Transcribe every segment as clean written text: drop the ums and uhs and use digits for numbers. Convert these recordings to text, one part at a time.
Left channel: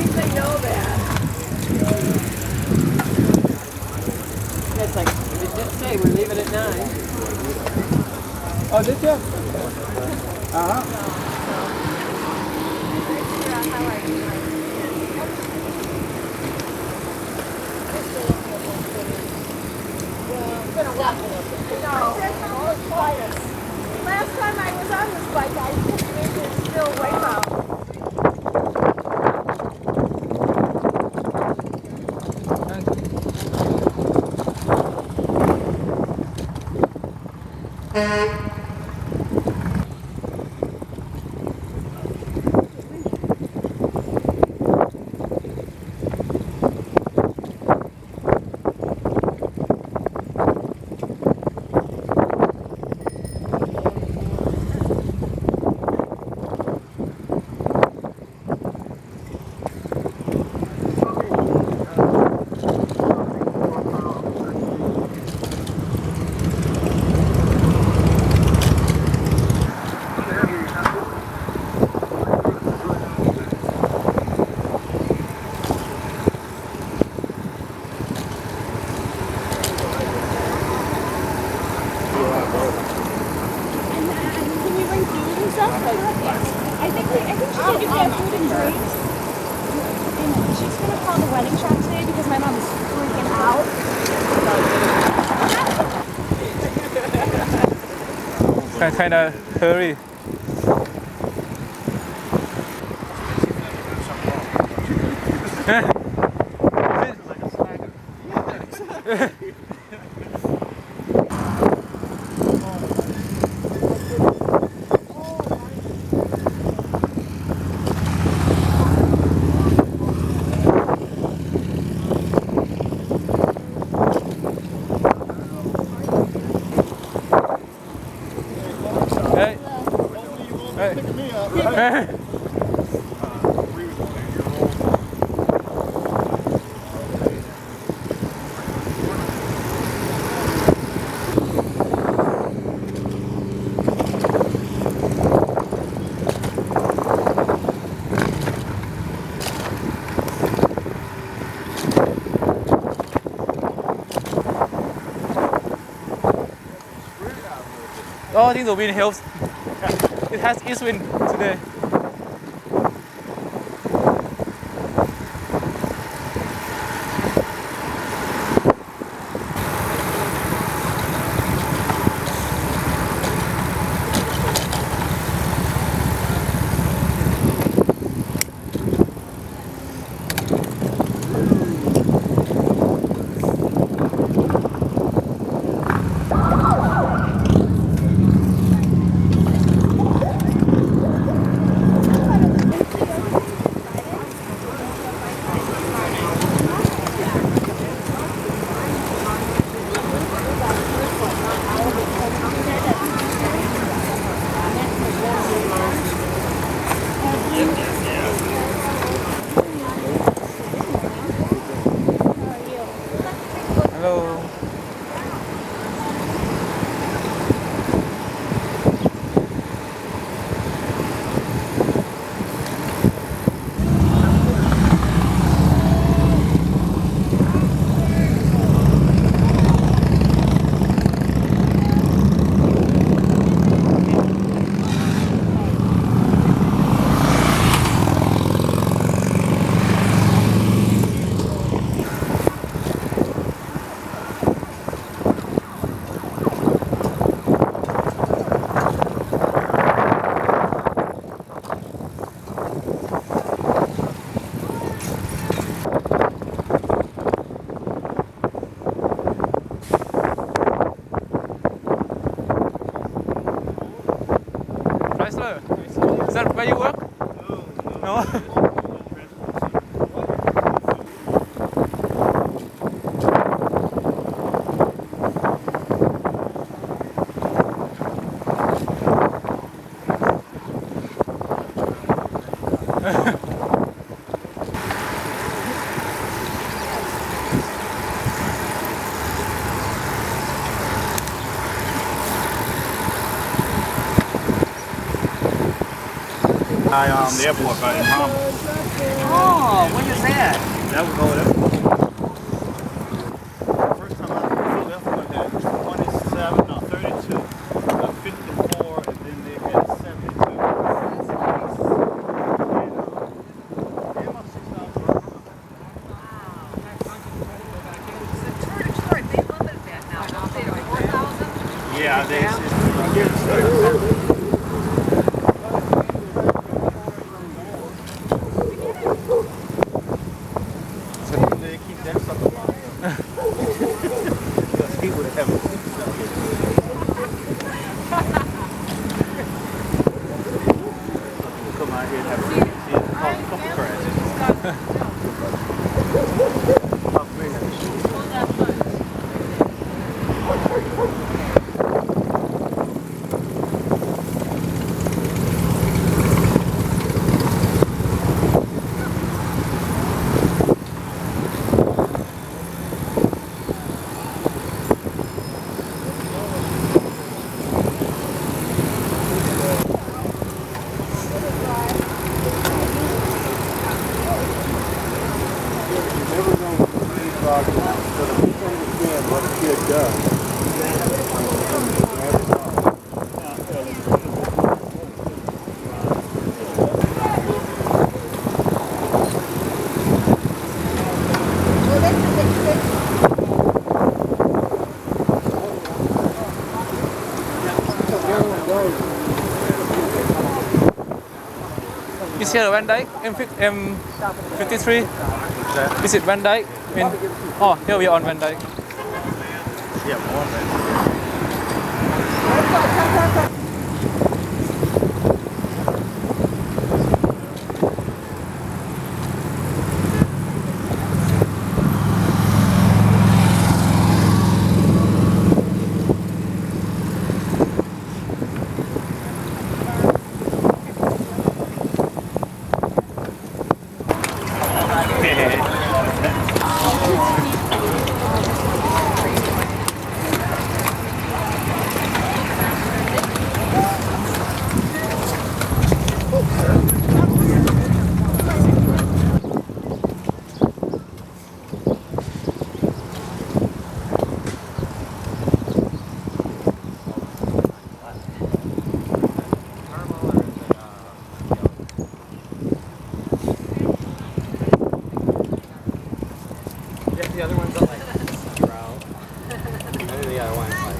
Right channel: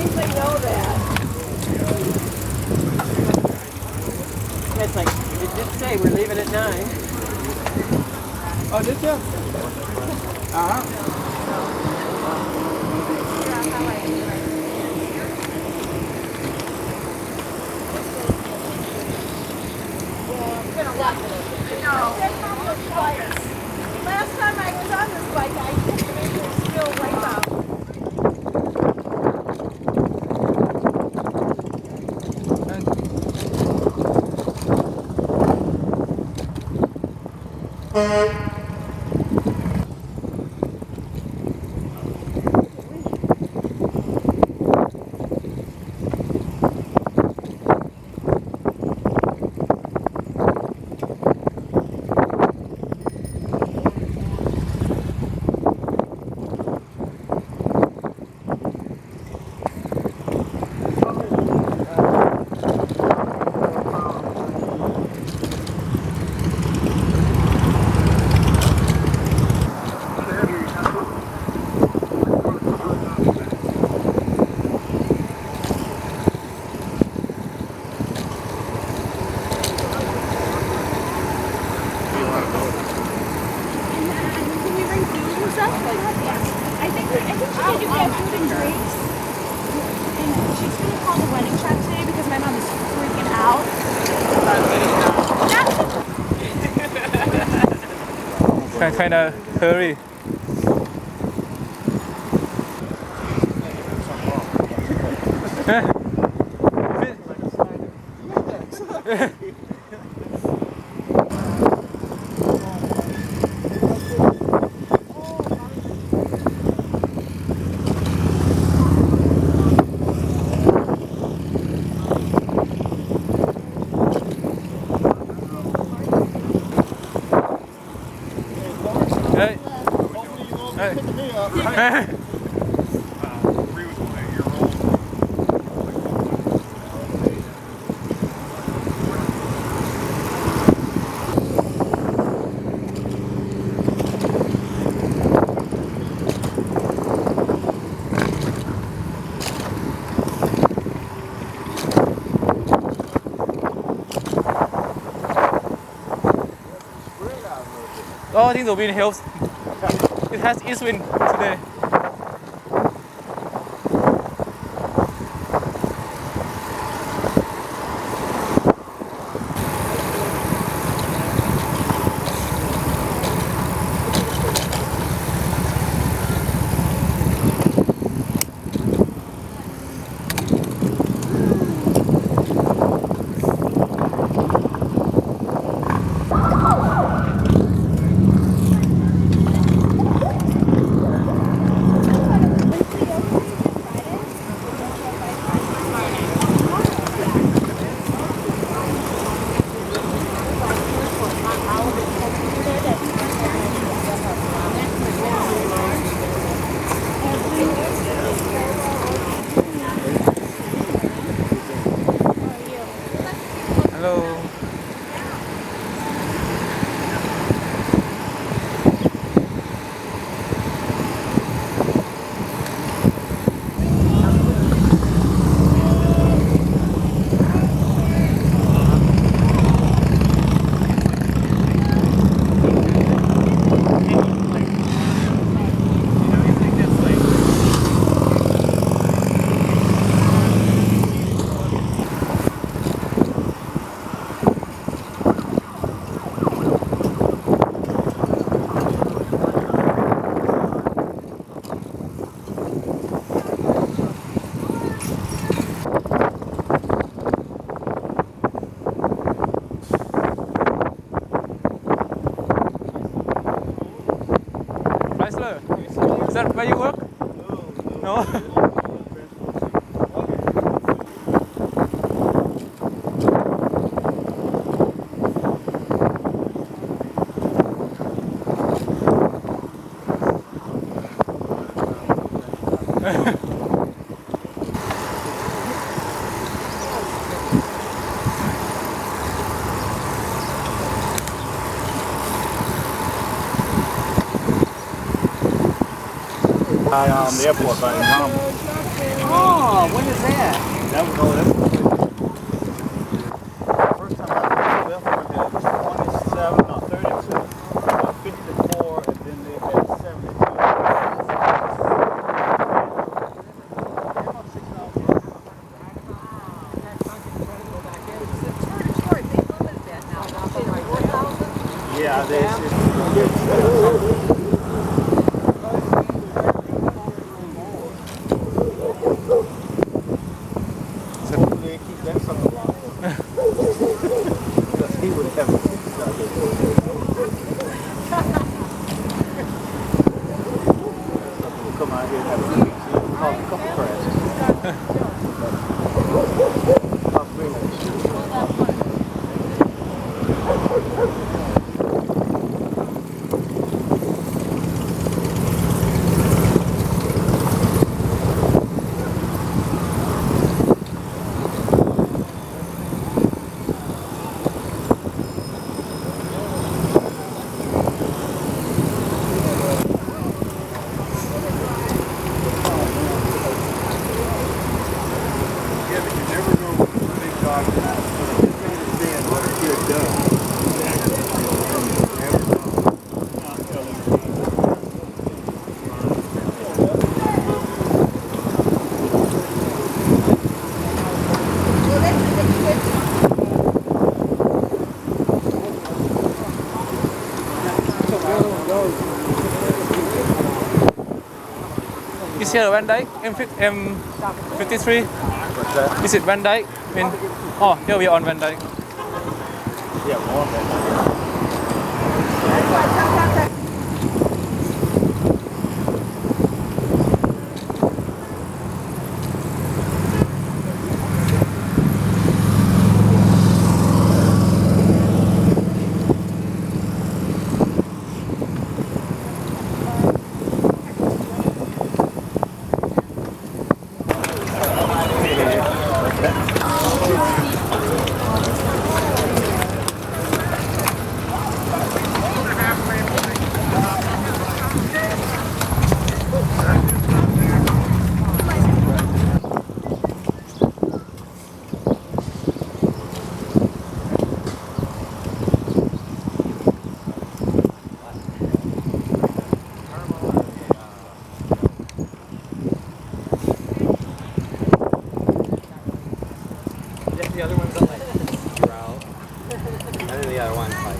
think they know that. It's like, it did say we're leaving at 9. Oh, did you? Uh-huh. Last time I was on this bike, I couldn't make it still wipe out. Can we bring food and stuff? I think she said you can have food and drinks. And she's gonna call the wedding shop today because my mom is freaking out. Kind of hurry. Hey. Hey. Hey. Oh, I think the wind helps. It has east wind today. Hello. Chrysler. Is that where you work? No. The airport by Mom. Oh, when is that? That was all that. First time I flew the airport had 27, no, 32, 54, and then they had 72. Yeah, they They keep that stuff alive. He would have come out here and have a couple crashes. Is here Van Dyke M53? Is it Van Dyke? Oh, here we are on Van Dyke. Yeah, more than that. The other one's like drow. And then the other one's like.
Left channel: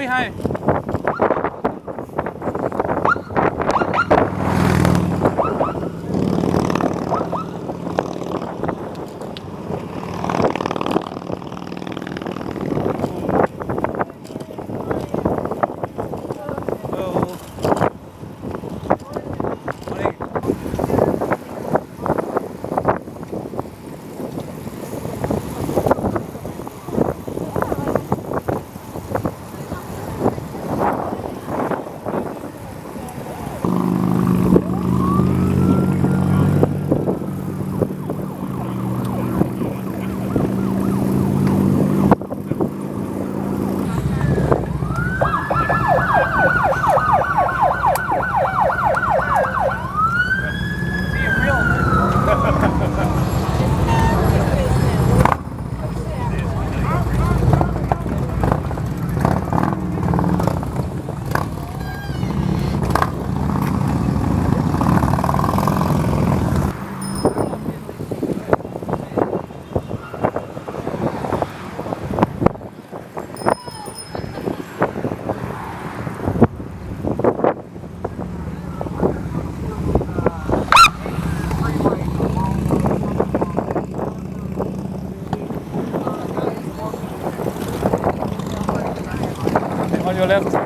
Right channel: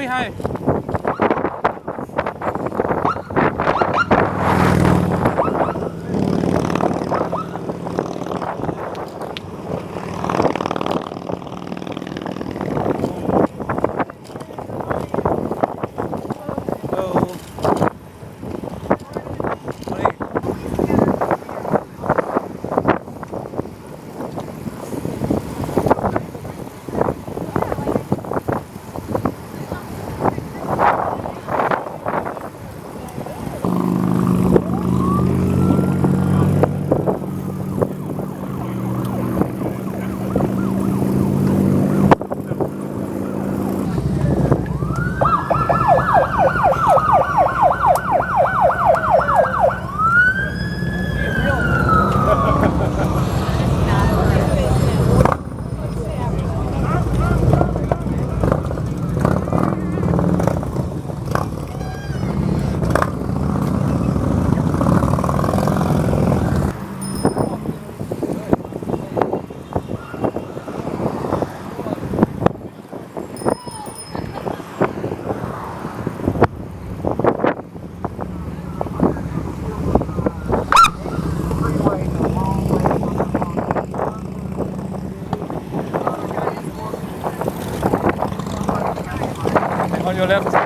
behind. Hello. Morning. On your left.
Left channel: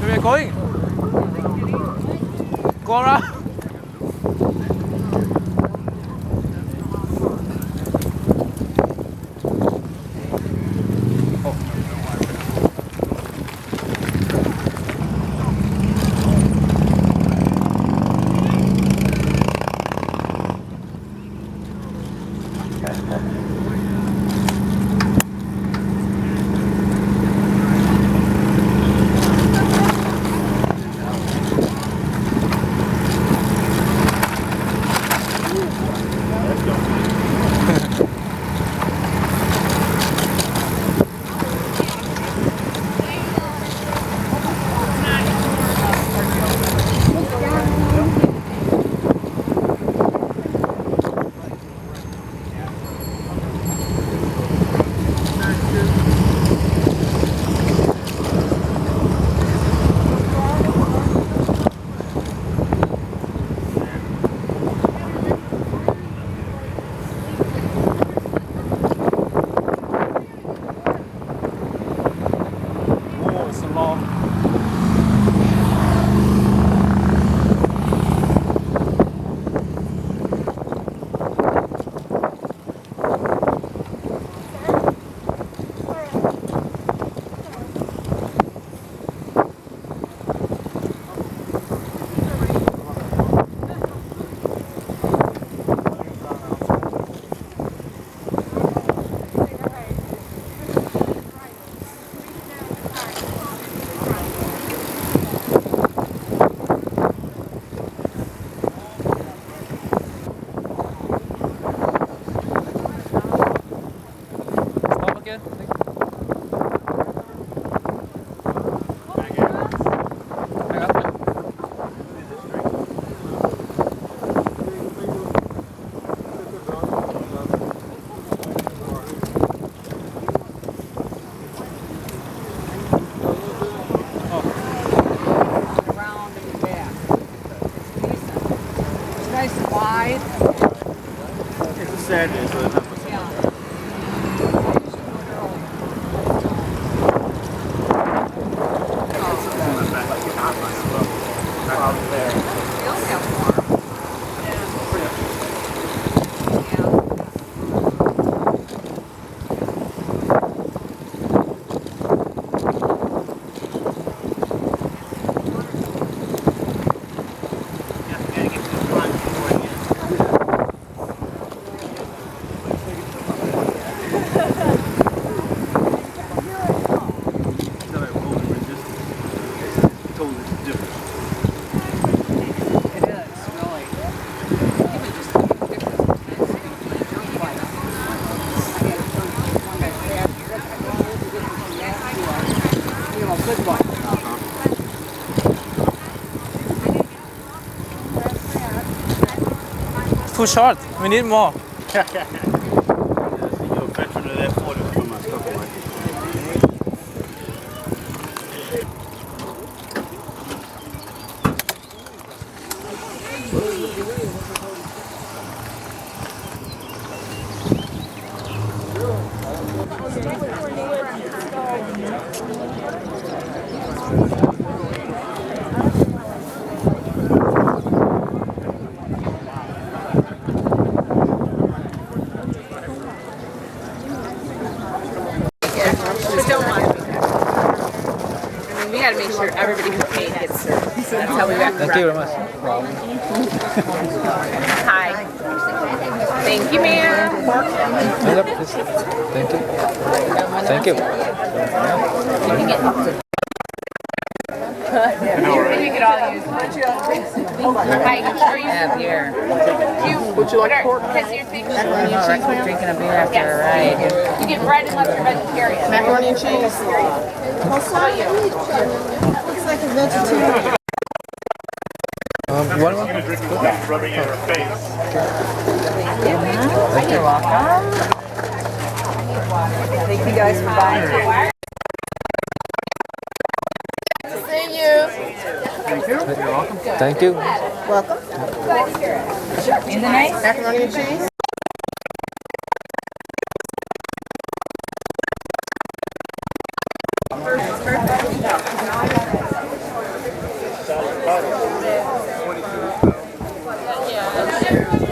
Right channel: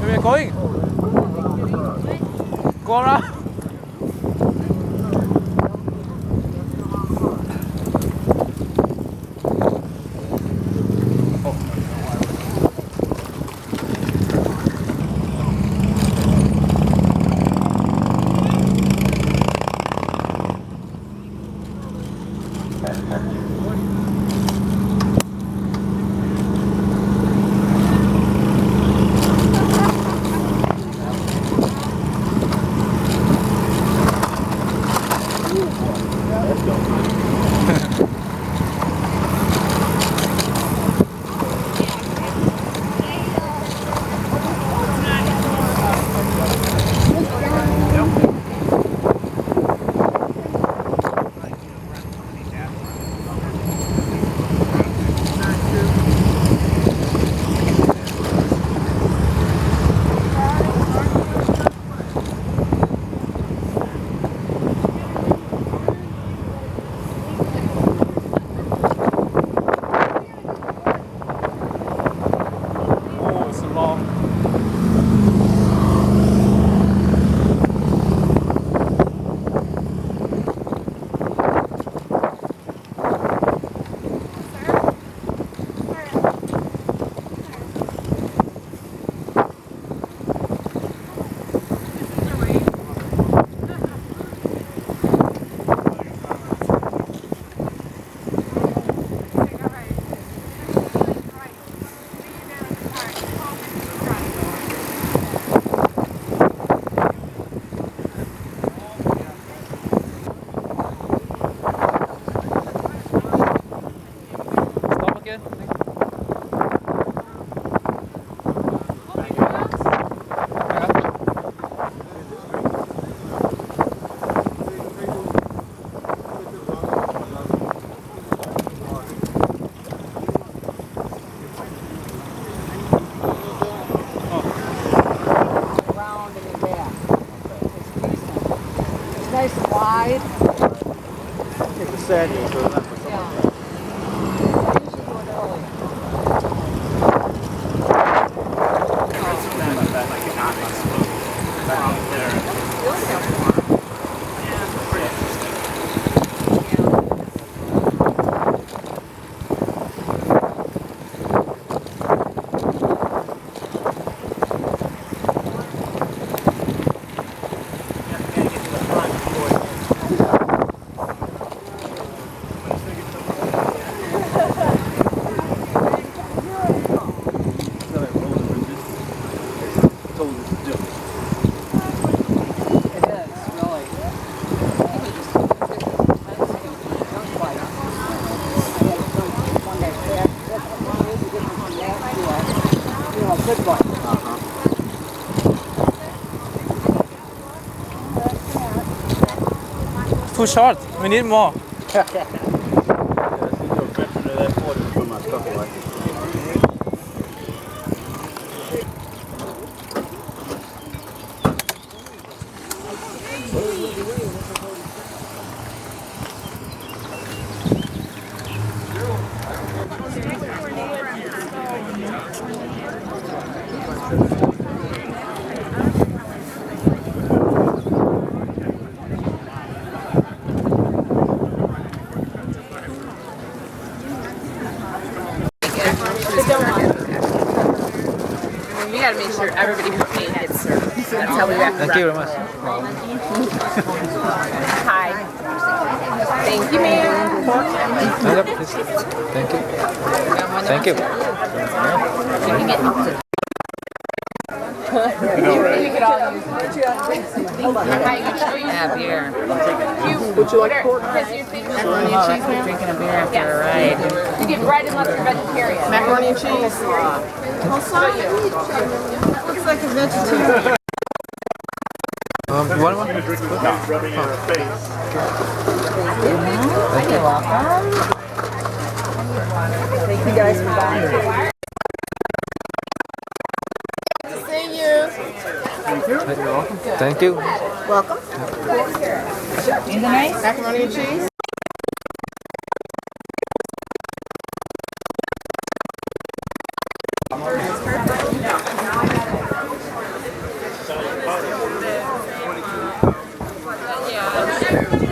Where are you going? Go around. Oh, it's a long. nice and wide. It's a Saturday, so it's not for Yeah. something. I usually do it early. It is, really. One guy said, you know, a good one. Too short. We need more. Yeah, you know, veteran of that 40 from my stuff like it. I mean, we gotta make sure everybody who paid gets served. That's how we wrap Thank you very much. Hi. Thank you, ma'am. Yep, please. Thank you. Thank you. You can get up to. You could all use yeah, beer. Would you like pork? Macaroni and cheese, ma'am? Drinking a beer after a ride. You get bread unless you're vegetarian. Macaroni and cheese. Looks like a vegetarian. One more? Rubbing in her face. You're welcome. Thank you guys for buying. Thank you. Welcome. Anything nice? Macaroni and cheese? Yeah.